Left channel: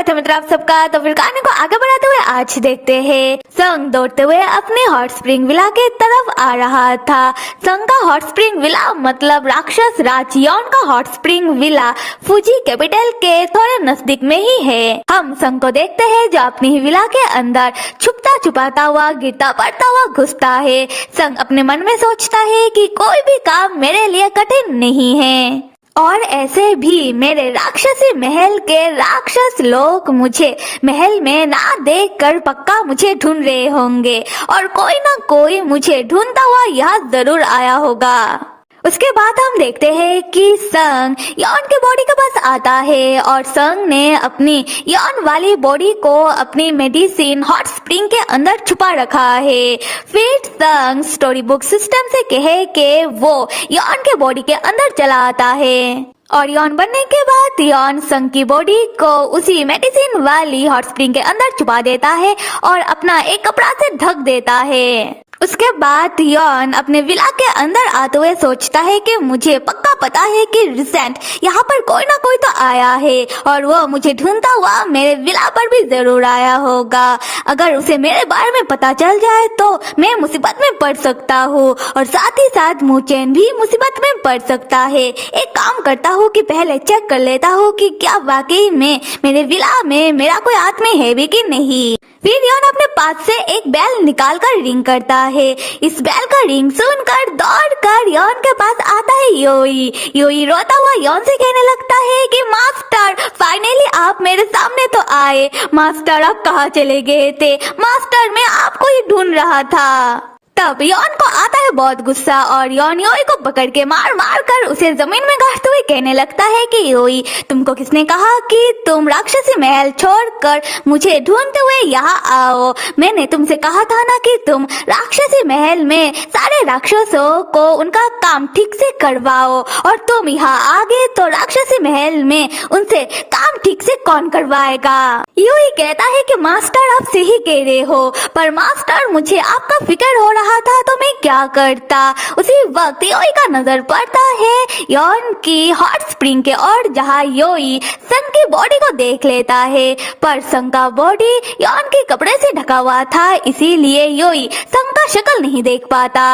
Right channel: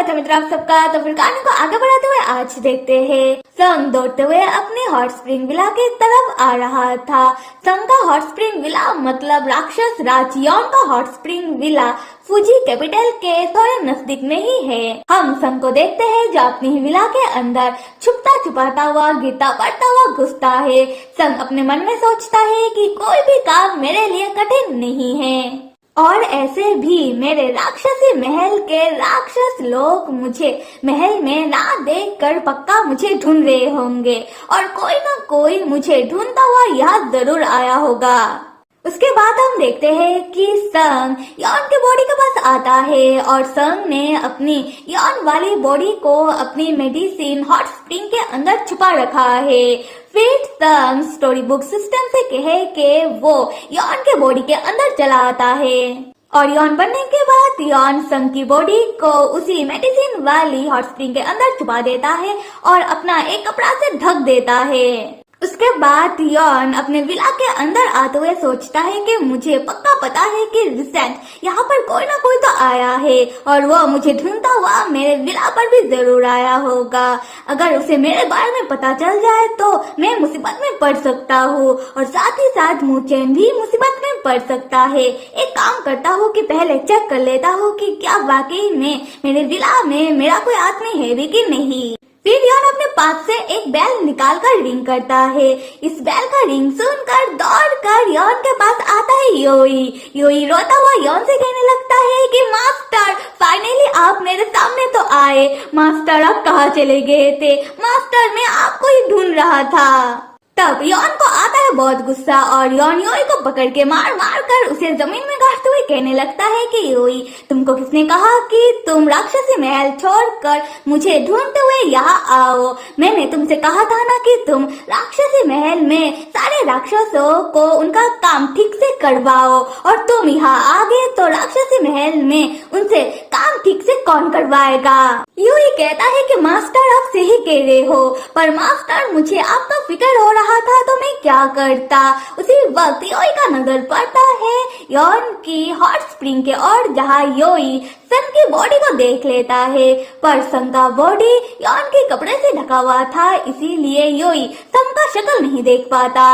स्वागत है मित्र आप सबका। तो फिर कहानी को आगे बढ़ाते हुए आज देखते हैं संग दौड़ते हुए अपने हॉट स्प्रिंग विला के तरफ आ रहा था। संग का हॉट स्प्रिंग विला मतलब राक्षस राज यॉन का hot spring villa Fuji capital के थोड़े नजदीक में ही है। हम संग को देखते हैं जो अपनी ही विला के अंदर छुपता छुपाता हुआ गिरता पड़ता हुआ घुसता है। संग अपने मन में सोचता है कि कोई भी काम मेरे लिए कठिन नहीं है और ऐसे भी मेरे राक्षसी महल के राक्षस लोग मुझे महल में ना देखकर पक्का मुझे ढूंढ रहे होंगे और कोई ना कोई मुझे ढूंढता हुआ यहाँ जरूर आया होगा। उसके बाद हम देखते हैं कि संग यॉन की बॉडी के पास आता है और संग ने अपनी यॉन वाली बॉडी को अपनी मेडिसिन हॉट स्प्रिंग के अंदर छुपा रखा है। फिर संग स्टोरी बुक सिस्टम से कहे कि वो यॉन के बॉडी के अंदर चला आता है और यॉन बनने के बाद यॉन संग की बॉडी को उसी मेडिसिन वाली हॉट स्प्रिंग के अंदर छुपा देता है और अपना एक कपड़ा से ढक देता है। उसके बाद यॉन अपने विला के अंदर आते हुए सोचता है कि मुझे पक्का पता है कि रिसेंट यहाँ पर कोई ना कोई तो आया है और वो मुझे ढूंढता हुआ मेरे विला पर भी जरूर आया होगा। अगर उसे मेरे बारे में पता चल जाए तो मैं मुसीबत में पड़ सकता हूँ और साथ ही साथ मुचेन भी मुसीबत में पड़ सकता है। एक काम करता हूँ कि पहले चेक कर लेता हूँ कि क्या वाकई में मेरे विला में मेरा कोई आदमी है भी कि नहीं। फिर यॉन अपने पास से एक बैल निकाल कर रिंग करता है। इस बैल का रिंग सुनकर दौड़ कर यॉन के पास आता है योई। योई रोता हुआ यॉन से कहने लगता है कि मास्टर फाइनली आप मेरे सामने तो आए। मास्टर आप कहाँ चले गए थे? मास्टर मैं आपको ही ढूंढ रहा था। तब यॉन को आता है बहुत गुस्सा और यॉन योई को पकड़ के मार मार कर उसे जमीन में गाड़ते हुए कहने लगता है कि योई तुमको किसने कहा कि तुम राक्षसी महल छोड़कर मुझे ढूंढते हुए यहाँ आओ? मैंने तुमसे कहा था ना कि तुम राक्षसी महल में सारे राक्षसों को उनका काम ठीक से करवाओ और तुम यहाँ आ गए तो राक्षसी महल में उनसे काम ठीक से कौन करवाएगा? योई कहता है कि मास्टर आप सही कह रहे हो पर मास्टर मुझे आपका फिक्र हो रहा था तो मैं क्या करता। उसी वक्त योई का नजर पड़ता है यॉन की हॉट स्प्रिंग के और जहाँ योई सन की बॉडी को देख लेता है पर सन का बॉडी यॉन के कपड़े से ढका हुआ था इसीलिए योई सन का शक्ल नहीं देख पाता।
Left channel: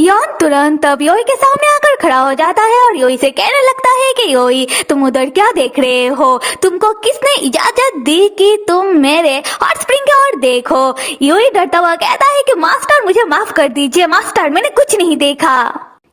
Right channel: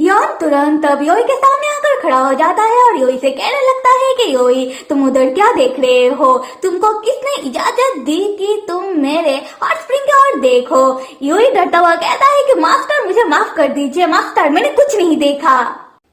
यॉन तुरंत तब योई के सामने आकर खड़ा हो जाता है और योई से कहने लगता है कि योई तुम उधर क्या देख रहे हो? तुमको किसने इजाजत दी कि तुम मेरे हॉट स्प्रिंग की ओर देखो? योई डरता हुआ कहता है कि मास्टर मुझे माफ कर दीजिए मास्टर मैंने कुछ नहीं देखा।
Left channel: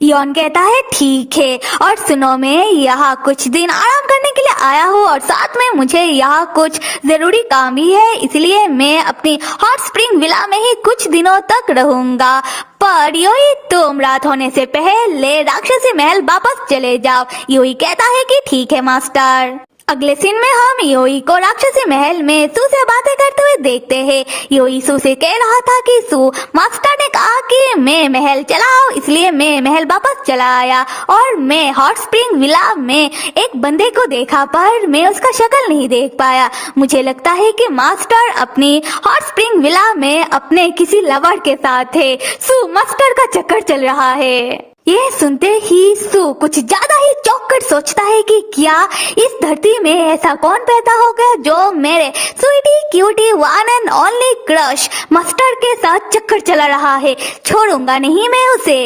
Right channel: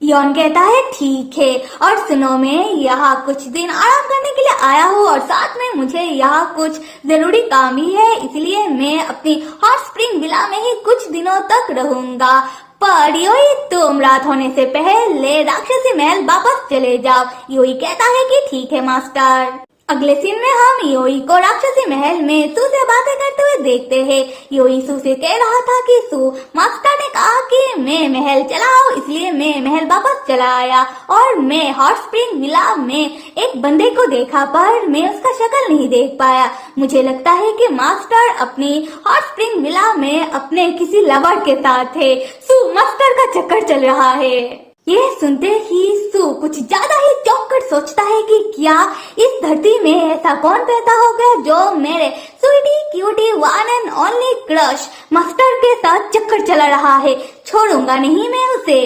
यॉन कहता है ठीक है और सुनो मैं यहाँ कुछ दिन आराम करने के लिए आया हूँ और साथ में मुझे यहाँ कुछ जरूरी काम भी है इसलिए मैं अपनी हॉट स्प्रिंग विला में ही कुछ दिनों तक रहूंगा। पर योई तुम रात होने से पहले राक्षसी महल वापस चले जाओ। योई कहता है कि ठीक है मास्टर। अगले सीन में हम योई को राक्षसी महल में सू से बातें करते हुए देखते हैं। योई सू से कह रहा था कि सू मास्टर ने कहा कि मैं महल चलाऊं इसलिए मैं महल वापस चला आया और मैं हॉट स्प्रिंग विला में एक बंदे को देखा पर मैं उसका शक्ल नहीं देख पाया। मुझे लगता है कि मास्टर अपनी हॉट स्प्रिंग विला में अपने किसी लवर के साथ है। सू मास्टर का चक्कर चल रहा है। ये सुनते ही सू कुछ ज्यादा ही चौंक कर सोचता है कि क्या इस धरती में ऐसा कौन पैदा होगा जो मेरे sweetie cutie one and only crush master के साथ चक्कर चला रहा है। छोड़ूंगा नहीं मैं उसे।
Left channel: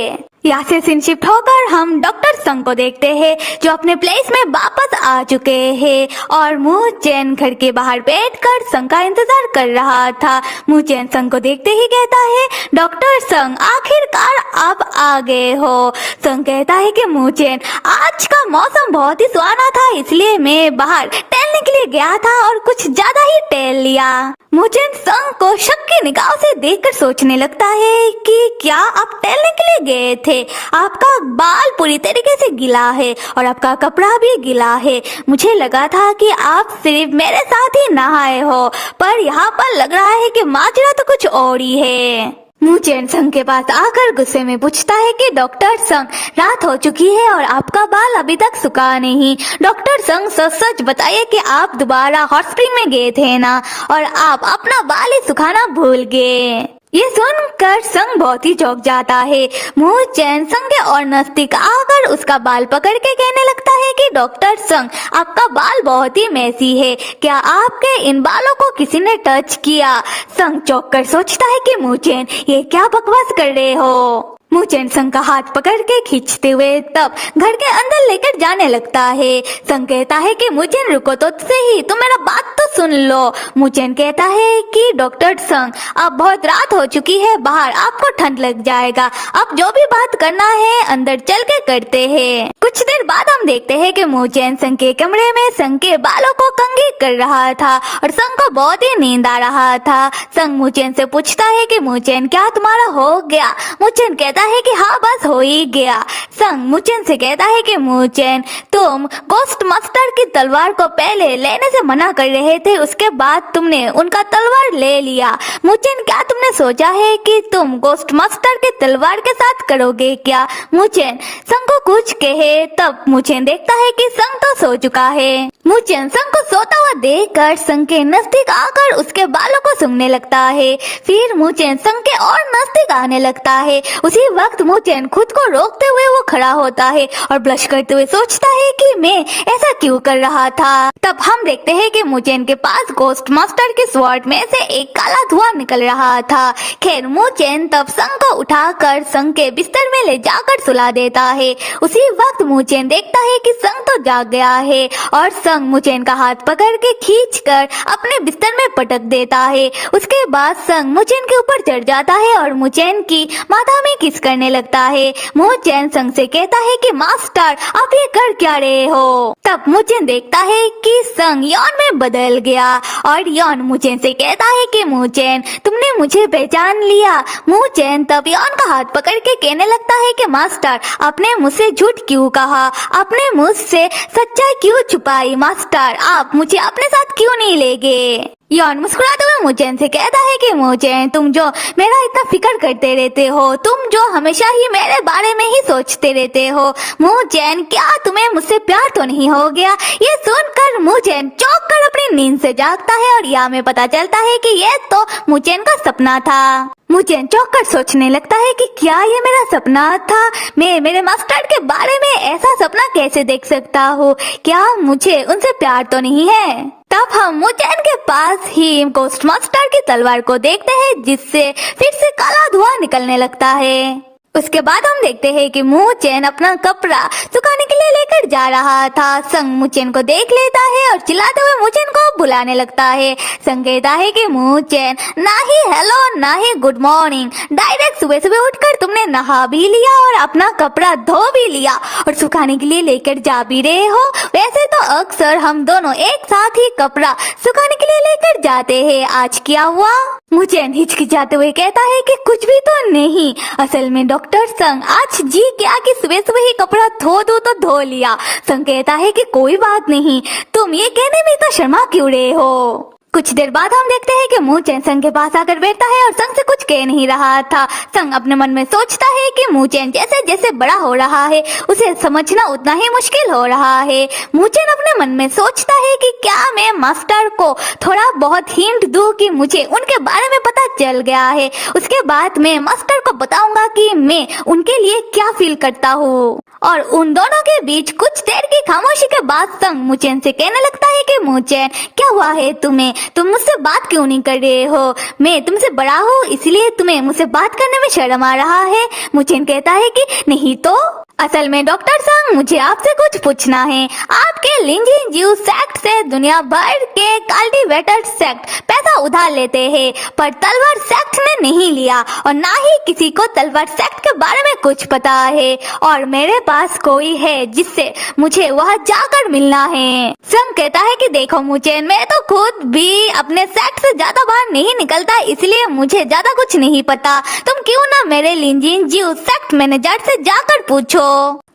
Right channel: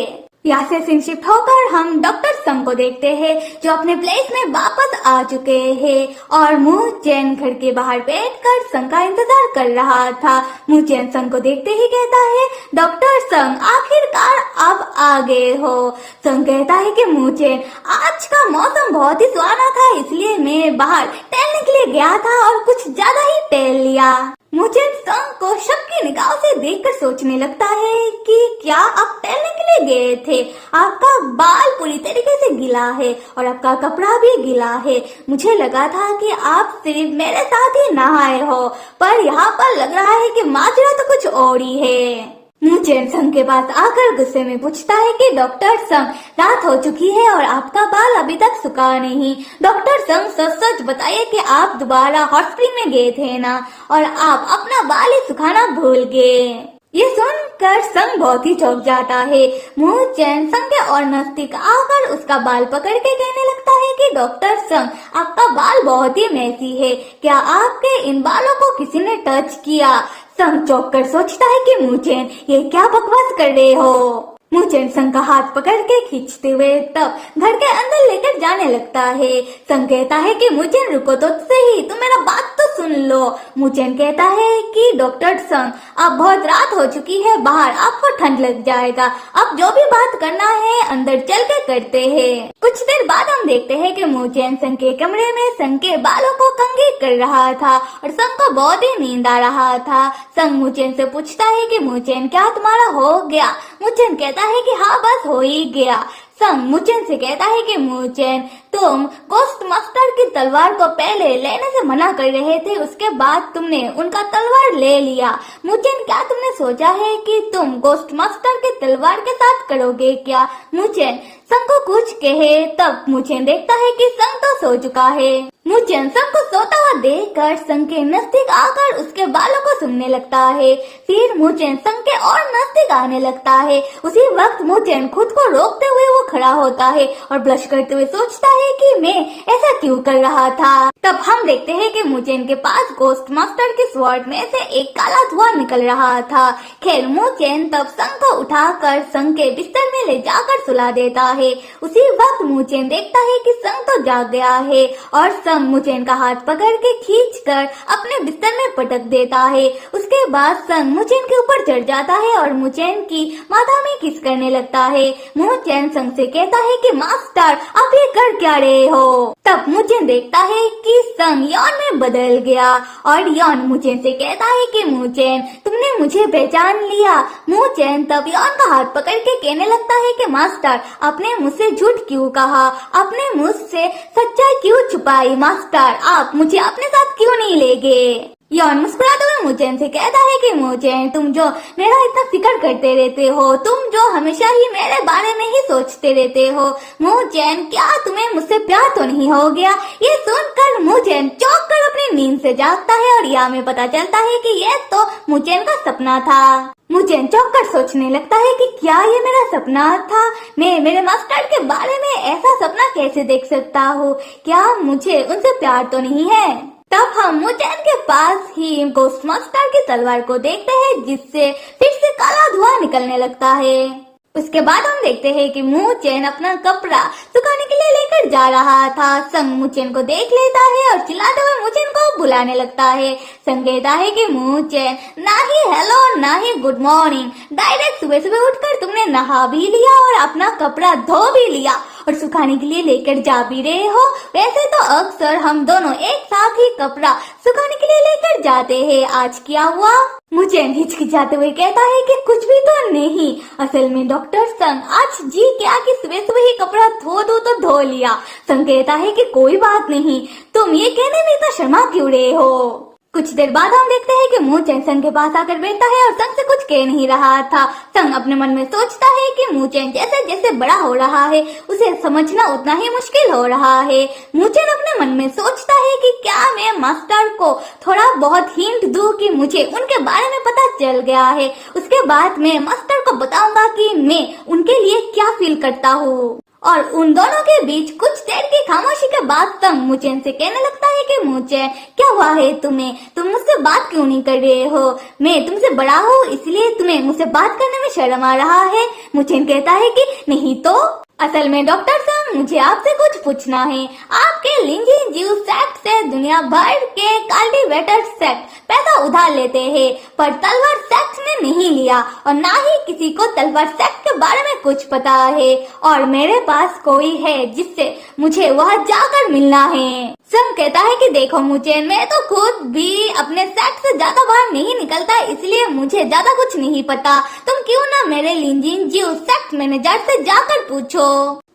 यहाँ से सीन शिफ्ट होकर हम डॉक्टर संग को देखते हैं जो अपने प्लेस में वापस आ चुके हैं और मुचेन घर के बाहर बैठकर संग का इंतजार कर रहा था। मुचेन संग को देखते ही कहता है डॉक्टर संग आखिरकार आप आ गए हो। संग कहता है कि मुचेन आज का मौसम बहुत ही सुहाना था इसलिए मैं बाहर टहलने के लिए गया था और कुछ ज्यादा ही टहल लिया। मुचेन संग को शक की निगाह से देखकर सोचने लगता है कि क्या आप टहलने के लिए गए थे? आपका बाल पूरी तरीके से गीला है और आपका कपड़ा भी गीला है। मुझे लगा था कि आप सिर्फ मेरे साथ ही नहाए हो पर यहाँ पर लग रहा है कि माजरा तो कुछ और ही है। मुचेन संग के पास आकर गुस्से में पूछता है कि डॉक्टर संग रात हो चुकी है और आपका बाल अभी तक सूखा नहीं। डॉक्टर संग सच सच बताइए कि आप दोबारा हॉट स्प्रिंग में गए थे ना और आप अपना बाल ही सुखाना भूल गए। ये सुनकर संग बहुत ही चौंक जाता है। मूचेन संग के और नजदीक आकर उसका बाल पकड़ के कहने लगता है कि डॉक्टर संग, आपका बाल बहुत ही मैसी है, क्या आपके इन बालों को किसी ने टच किया? संग चौंक कर सोचता है कि मूचेन, ये क्या बकवास कर रहे हो? मूचेन संग का हाथ पकड़ के खींचते हुए तब घर के अंदर लेकर जाने लगता है। संग कहता है कि मूचेन रुको तो सही, तुम मेरा बात तो सुन लो। मूचेन कहता है कि डॉक्टर संग, अब बहुत रात हो चुकी है, बाहर आपको ठंड लग जाएगा, अब जो भी बात करना है अंदर चल के करते हैं। कुछ देर बाद हम देखते हैं कि मूचेन संग के कमरे में संग के बालों को कंघी कर रहा था और संग को बहुत ही नींद आ रहा था। संग मूचेन से पूछता है कि मूचेन, क्या तुम्हारा हो गया? मूचेन कहता है कि हाँ बस हो ही गया। संग मूचेन से कहता है कि मूचेन, तुम गोस्ट मास्टर की तलवार को पहले लेने से मना कर रहे थे, उसके बाद तुमने उनका तलवार ले लिया। मूचेन, क्या तुमने सोचा है कि तुम गोस्ट मास्टर की तलवार के साथ करोगे क्या? मूचेन संग को कुछ कहे तब मूचेन देखता है कि संग तो सो चुका है। मूचेन संग को सोता हुआ देखकर संग के नजदीक आकर उसके बालों को सूंघने लगता है। फिर मूचेन संग के और नजदीक आने लगता है। उसी वक्त मूचेन खुद को रोकते हुए वो खड़ा होता है और ब्लश करते हुए सोचता है कि मैं ऐसा क्यों कर रहा था। तब हम देखते हैं कि मूचेन के पास गोस्ट मास्टर के स्वॉर्ड में से एक काला धुआं निकल रहा था। खैर मूचेन तब संग को उठाकर संग के बिस्तर में ले जाकर सुला देता है। उसी वक्त मूचेन देखता है कि संग तो जाग गया है और संग मूचेन का हाथ पकड़ के खींचकर अपने बिस्तर में पटक देता है। उसके बाद संग मूचेन के ऊपर चढ़ जाता है और मूचेन की माथा में किस करने लगता है। मूचेन संग से कहता है कि मास्टर, आप ये कर क्या रहे हो? तब मूचेन देखता है कि संग यॉन में बदल गया और यॉन मूचेन से कहता है कि मूचेन, तुमने मुझे पहचान लिया। मूचेन तब यॉन का हाथ पकड़ के कहने लगता है कि मास्टर, आपने मुझसे झूठ क्यों कहा? आपने मुझसे सच्चाई क्यों छुपाई? मास्टर, आप मुझे अपने साथ क्यों नहीं ले गए? यॉन मुस्कुराते हुए मूचेन से कहता है कि मूचेन, तुम जो मेरा इतना फिक्र करते रहते हो, तुम जो हमेशा ही मेरे बारे में ही सोचते रहते हो, मूचेन क्या तुम्हें मुझसे प्यार तो नहीं हो गया? ये सुनकर मूचेन चौंक कर अपनी नींद से जागता है और यहाँ में पता चलता है कि ये तो मूचेन का सपना था। मूचेन चौंक कर सोचने लगता है कि क्या ये मेरा सपना था? मैं मेरे मास्टर के बारे में ऐसा सपना कैसे देख सकता हूँ? क्या मुझे उनसे प्यार तो नहीं है? तब हम मूचेन के पास ही गोस्ट मास्टर की तलवार को देखते हैं जिससे फिर से काला धुआं निकलने लगता है। उसके बाद हम देखते हैं कि मूचेन अपना कपड़ा सुखाने के लिए लेकर जा रहा था। संग मूचेन को देख लेता है और चिल्लाते हुए मूचेन को बुलाने लगता है। संग कहता है कि मूचेन, ना ही हेलो ना ही गुड मॉर्निंग, डायरेक्ट सुबह सुबह उठकर तुमने नहा भी लिया और अपना कपड़ा धो भी लिया और सुखाने के लिए लेकर जा भी रहे हो। वैसे तो अक्सर हम दोनों एक साथ ही कपड़ा सुखाने के लिए लेकर जाते हैं, आज क्या हुआ? मूचेन हिचकिचाते हुए कहता है कि कुछ भी तो नहीं, असल में डॉक्टर संग आज जी क्या कि सुबह सुबह ही कपड़ा धो दो तो धो लिया। संग कहता है कि कोई बात नहीं, तुम ये कहने में इतना शर्मा क्यों रहे हो? कुछ देर बाद हम देखते हैं कि मूचेन संग के पास आकर बैठता है और संग से कुछ कह नहीं रहा था। संग अपने मन में सोचता है कि मूचेन जैसे जैसे बड़ा हो रहा है उसे समझना उतना ही मुश्किल हो रहा है। मूचेन अपने मन में सोचता है कि क्या मैं मास्टर को थोड़ा बहुत हिंट दूं कि मुझे उनके बारे में पता चल गया है, उसके बाद मैं मास्टर को बताऊंगा कि मैं उनके लिए क्या फील करता हूँ। और उन दोनों के बीच कुछ देर की खामोशी के बाद संग मूचेन से कहने लगता है कि मूचेन, क्या हुआ है तुम्हें? तुम मुझसे बात क्यों नहीं कर रहे हो? मैं तुमसे बड़ा हूँ इसलिए तुम्हें मुझसे बात करने में शर्म आ रहा है? मूचेन कहता है कि नहीं तो असल में डॉक्टर संग मुझे आपसे कुछ पूछना है। आपके लिंजिन ज्यू सेक्ट से दुनिया भर के कल्टीवेटर सेक्ट पैसा उधार लेते हैं पर तलवार सेक्ट ने नहीं लिया और ना ही किसी को तलवार सेक्ट के बारे में कुछ पता है और मेरे पास कोई है जिससे मुझे वहाँ जाकर मिलना है। संग कहता है कि देखो मूचेन, मैं तो खुद भी अपने सेक्ट से ज्यादा बाहर नहीं निकलता इसलिए मुझे ज्यादा कुछ नहीं पता। तुम क्यों ना मेरे लिंजिन ज्यू सेक्ट मैनेजर से जाकर पूछो।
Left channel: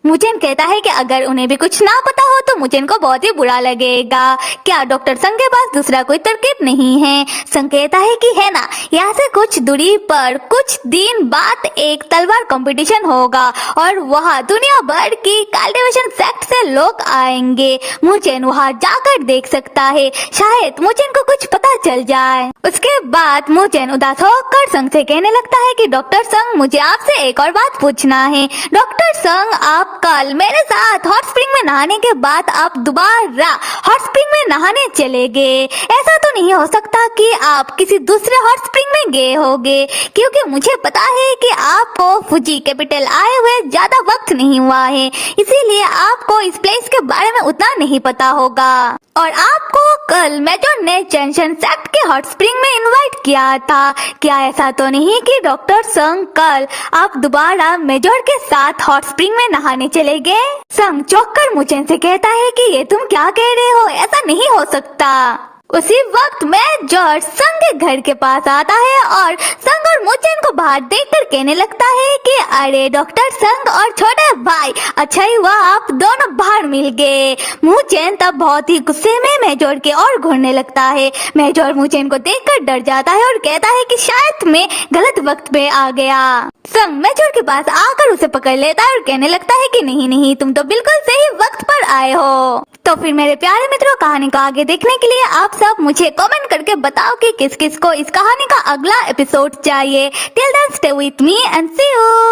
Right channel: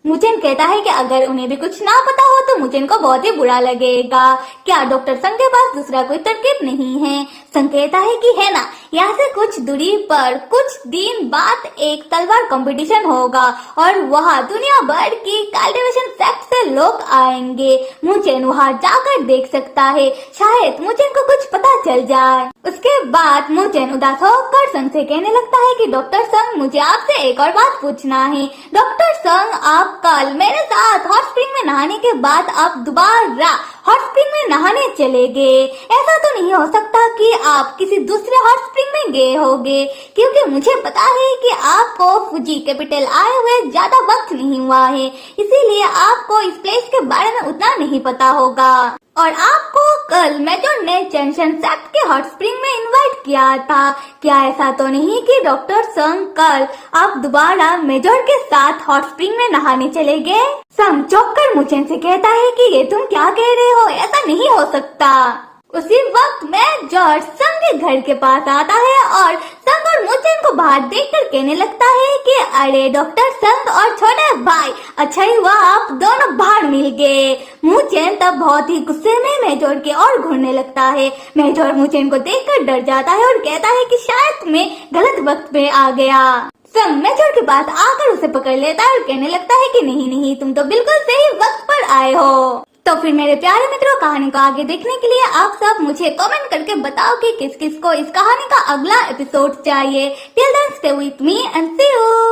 मुजिन कहता है कि अगर उन्हें भी कुछ ना पता हो तो मुजिन को बहुत ही बुरा लगेगा। क्या डॉक्टर संग के पास दूसरा कोई तरकीब नहीं है? संग कहता है कि है ना, यहाँ से कुछ दूरी पर कुछ दिन बाद एक तलवार कंपटीशन होगा और वहाँ दुनिया भर की कल्टीवेशन सेक्ट से लोग आएंगे। मुजिन वहाँ जाकर देख सकता है, शायद मुजिन को कुछ पता चल जाए। उसके बाद मुजिन उदास होकर संग से कहने लगता है कि डॉक्टर संग, मुझे आपसे एक और बात पूछना है। डॉक्टर संग, आप कल मेरे साथ हॉट स्प्रिंग में नहाने के बाद आप दोबारा हॉट स्प्रिंग में नहाने चले गए। ऐसा तो नहीं हो सकता कि आप किसी दूसरे हॉट स्प्रिंग में गए होंगे, क्योंकि मुझे पता है कि आपको फुजी कैपिटल आए हुए ज्यादा वक्त नहीं हुआ है, इसीलिए आपको इस प्लेस के बारे में उतना नहीं पता होगा। और आपको कल मेजर ने चेंशन सेक्ट के हॉट स्प्रिंग में इनवाइट किया था। क्या ऐसा तो नहीं कि डॉक्टर संग कल आप दोबारा मेजर के साथ हॉट स्प्रिंग में नहाने चले गए? संग चौंक कर मुझे से कहता है कि ये तुम क्या कह रहे हो, ऐसा नहीं हो सकता। उसी वक्त मेजर संग के घर के पास आता है और संग और मुचेन को बाहर देखकर कहने लगता है कि अरे डॉक्टर संग और छोटे भाई, अच्छा ही हुआ आप दोनों बाहर मिल गए। मुचेन तब बहुत ही गुस्से में मेजर की ओर घूरने लगता है। मेजर मुचेन को देखकर डर जाता है और कहता है कि शायद मैं गलत वक्त पे आ गया। संग मेजर के पास आकर उसे पकड़ लेता है और कहने लगता है कि नहीं नहीं, तुम तो बिल्कुल सही वक्त पर आए हो। तो फिर मेरे प्यारे मित्रों, कहानी को आगे देखने के लिए आप सब मुझे कमेंट करके बताओ कि किस किस को इस कहानी का अगला एपिसोड चाहिए। Till then stay with me and see you.